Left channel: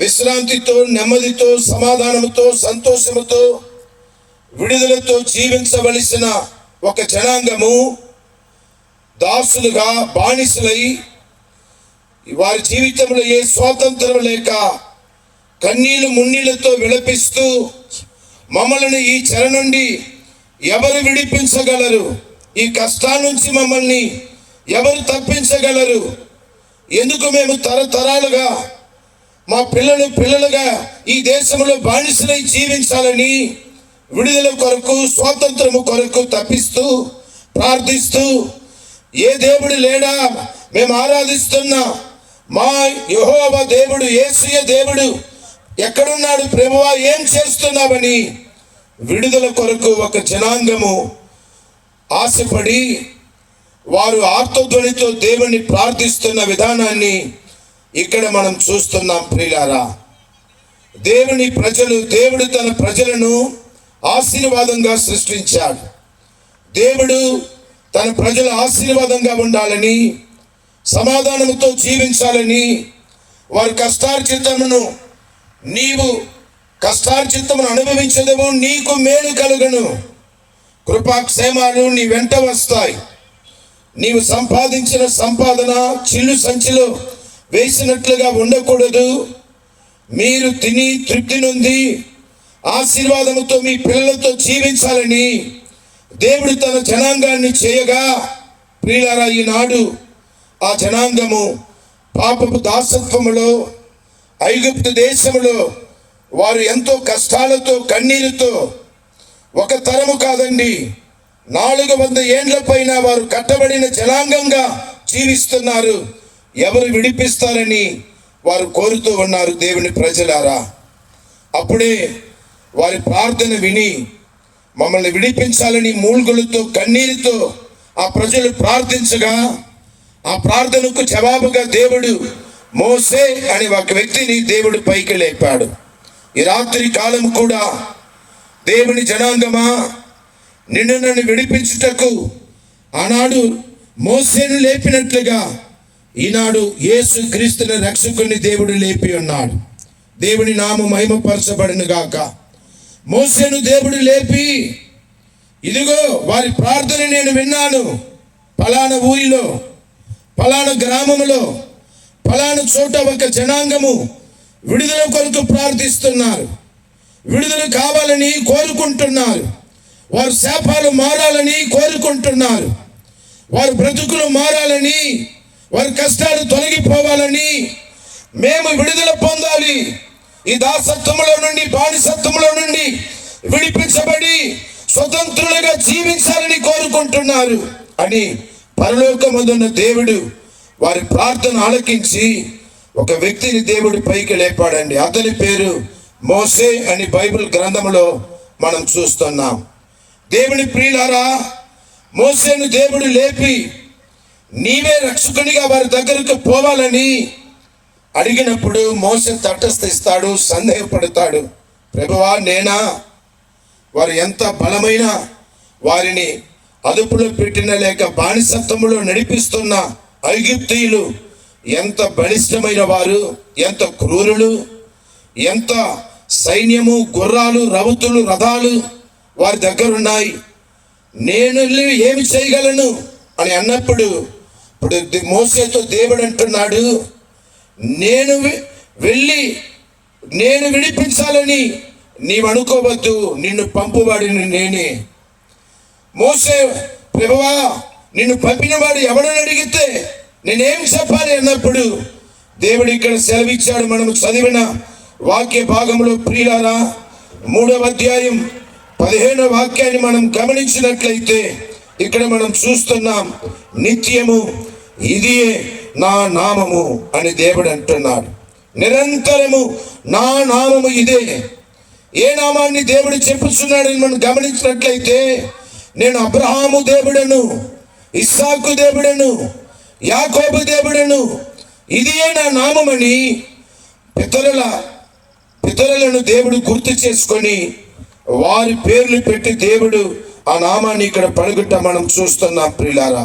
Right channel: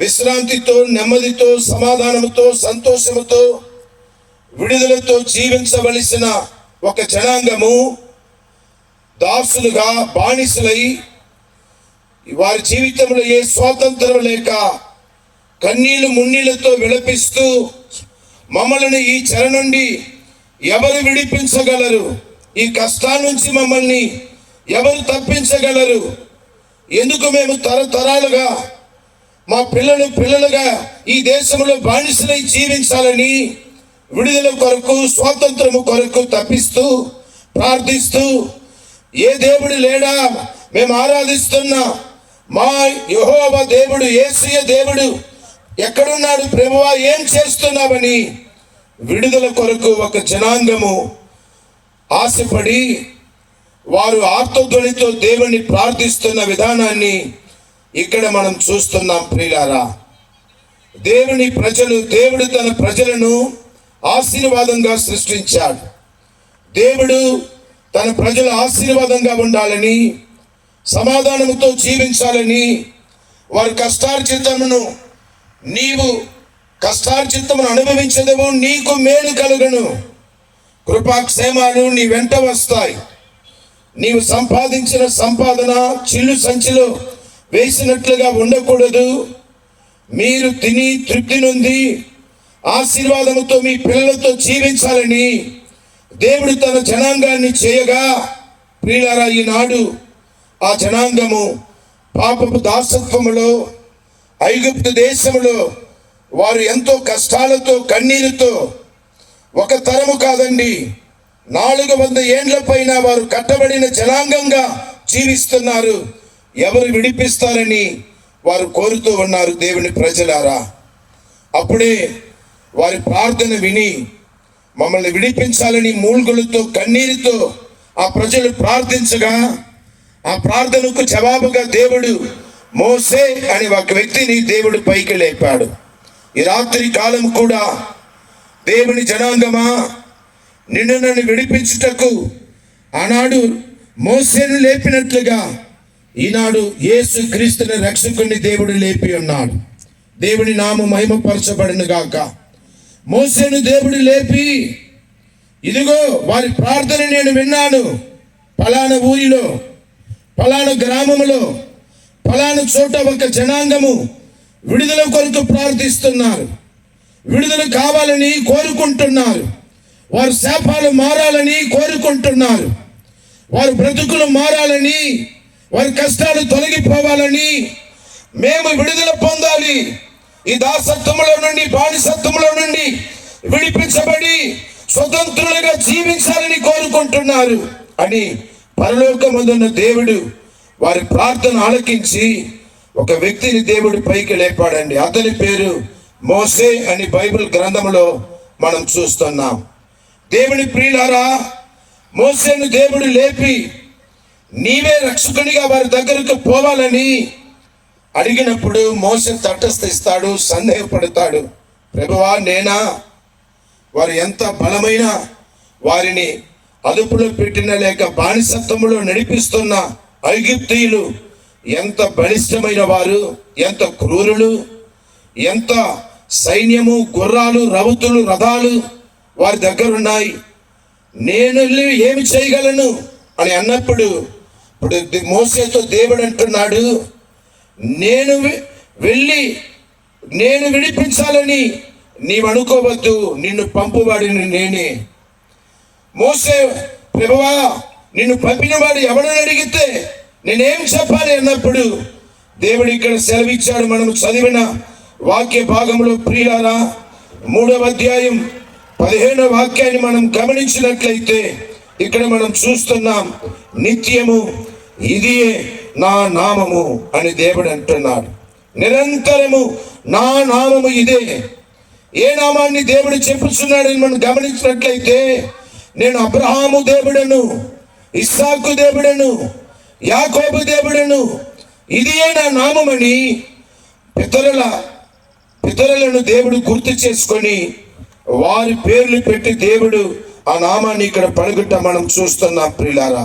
విశ్రాంతితో, నెమ్మదితో, సమాధానంతో, సంతోషముతో, విడుదలతో జీవించవలసిన ఒక జనాంగము దాసులుగా, బానిసలై వారి జీవితంలో ఏ స్వాతంత్రం లేక కన్నీళ్లు మున్నీళ్లతో విలపిస్తూ, మమ్మల్ని ఈ చెర నుండి ఎవరు విడిపించగలరు, ఈ కష్టాల నుంచి మమ్మల్ని ఎవరు తప్పించగలరు, ఎందుకు మేము తరతరాలుగా మా పిల్లలుగా ఈ దేశంలో బానిసలై జీవించాలని విడుదల కొరకు, స్వాతంత్రము కొరకు తప్పిస్తూ, ప్రార్థిస్తూ, ఏ దేవుడు లేడా, మేము ఆరాధిస్తున్న మా యెహోవా దేవుడు, యేసయ్య దేవుడు ఎక్కడున్నాడు ప్రభువా, ఏం చేస్తున్నావని విడుదల కొరకు ఒక జనాంగము ఆశపడి వారు ఆర్తధ్వనితో దేవుని ప్రార్థిస్తున్న విధానాన్ని ఇక్కడ మనం చూస్తున్నాం. ప్రియులారా, దేవుని ప్రజలు, దేవుడు తన ప్రజలను ఆశీర్వాదంగా సృష్టించాడు. దేవుడు తన ప్రజలు ఆశీర్వాదంగా ఉండాలని, సమాధానంతో జీవించాలని, వారి కష్టార్జితమును, నీవు కష్టార్జితమును అనుభవించదము, నీకు మేలు కలుగును, కృపాక్షేమాలు నీ వెంట వస్తాయి. నీవు సంపాదించిన సంపాదన చిల్లు సంచిలో వేసినట్లుగా ఉండకూడదు. మీరు తిని తృప్తి నొంది ఆశీర్వాదముతో మీ పిల్లలతో జీవించాలని దేవుడు తన జనాంగాన్ని చేయగా, ప్రియులారా, ఈనాడు ఆ జనాంగము పాపపు దాసత్వములో, ఐగుప్తు దేశములో వారు ఎంతో కష్టాలతో, కన్నీరుతో, ఒక తరము కాదండి, 400 ఏండ్ల పైన వారు కట్టబడిన జనాంగంగా జీవిస్తున్నారు. ఎవరు విడిపిస్తారని వారు కోరుతూ ఉన్నారు. దేవుని ప్రజలారా, అప్పుడే వారి ప్రార్థన విని మమ్మల్ని విడిపించాలని మూల్గులతో, కన్నీరుతో ఆ ప్రజలు ప్రార్థించగా, ఆ ప్రార్థనకు జవాబుగా దేవుడు మోసే అని ఒక వ్యక్తిని దేవుడు పైకి లేపాడు. ఈ రాత్రి కాలం కూడా దేవుని జనాంగమా, నిన్ను నన్ను విడిపించుటకు ఆనాడు మోసేను లేపినట్లుగా ఈనాడు యేసు క్రీస్తుని రక్షకుని దేవుడు లేపి ఉన్నాడు. దేవుని నామం మహిమపరచబడును గాక. మోసేను దేవుడు లేపి, ఇదిగో వారి ప్రార్థన నేను విన్నాను, ఫలానా ఊరిలో, ఫలానా గ్రామంలో, ఫలానా చోట ఒక జనాంగము విడుదల కొరకు ప్రార్థిస్తున్నారు, విడుదల కావాలని కోరుకుంటున్నారు, వారి శాపాలు మారాలని కోరుకుంటున్నారు, వారి బ్రతుకులు మారాలని, వారి కష్టాలు తొలగిపోవాలని, మేము విడుదల పొందాలి, ఈ దాసత్వంలో నుండి, బానిసత్వంలో నుండి విడిపించబడి స్వతంత్రులుగా జీవించాలని కోరుకుంటున్నారు అని పరలోకమందున్న దేవుడు వారి ప్రార్థన ఆలకించి ఒక వ్యక్తిని దేవుడు పైకి లేపాడండి. అతని పేరు మోసే అని బైబిల్ గ్రంథంలో మనం చూస్తున్నాం. దేవుని ప్రియులారా, మోసేను దేవుడు లేపి నీవే రక్షకునిగా వారి దగ్గరకు పోవాలని అడిగినప్పుడు మోసే తటస్థిస్తాడు, సందేహపడతాడు. ప్రభువా, నేనా? వారు ఎంత బలమైన, వారిని అదుపులో పెట్టిన లేక బానిసత్వములో నడిపిస్తున్న ఐగుప్తీయులు ఎంత బలిష్టమైన వారు, ఎంత క్రూరులు, ఎంత సైన్యము, గుర్రాలు, రౌతులు, రథాలు వారి దగ్గర ఉన్నాయి. నేను వెళ్ళి ఏమి చేయగలను అని అన్నప్పుడు ఇప్పుడు మోసేతో దేవుడు అంటున్నాడు, నేను వెళ్ళి నేను విడిపించాలని నీవు అనుకోవద్దు, నిన్ను పంపువాడిని నేనే. మోసే, ప్రభువా, నిన్ను పంపినవాడు ఎవడని అడిగితే నేనేం చెప్పాలి అన్నప్పుడు దేవుడు ఇక్కడ సెలవిచ్చాడు. మనం చదివిన వాక్య భాగంలో ప్రియులారా, 3వ అధ్యాయం 15వ వాక్యాన్ని మనం గమనించినట్లయితే ఇక్కడ మనం చూస్తున్నాం, నిత్యము ఇదియే నా నామము అని దేవుడు అంటున్నాడు. నిరంతరము నా నామము ఇదే. ఏ నామాన్ని దేవుడు చెప్పుచున్నాడని మనం గమనించినట్లయితే, నేను అబ్రహాము దేవుడను, ఇస్సాకు దేవుడను, యాకోబు దేవుడను, ఇదియే నా నామమని పితరులను దేవుడు గుర్తు చేసుకొని వారి పేర్లు పెట్టి దేవుడు ఆ నామాన్ని ఇక్కడ పలుకుట మనం చూస్తున్నాం. ప్రియులారా,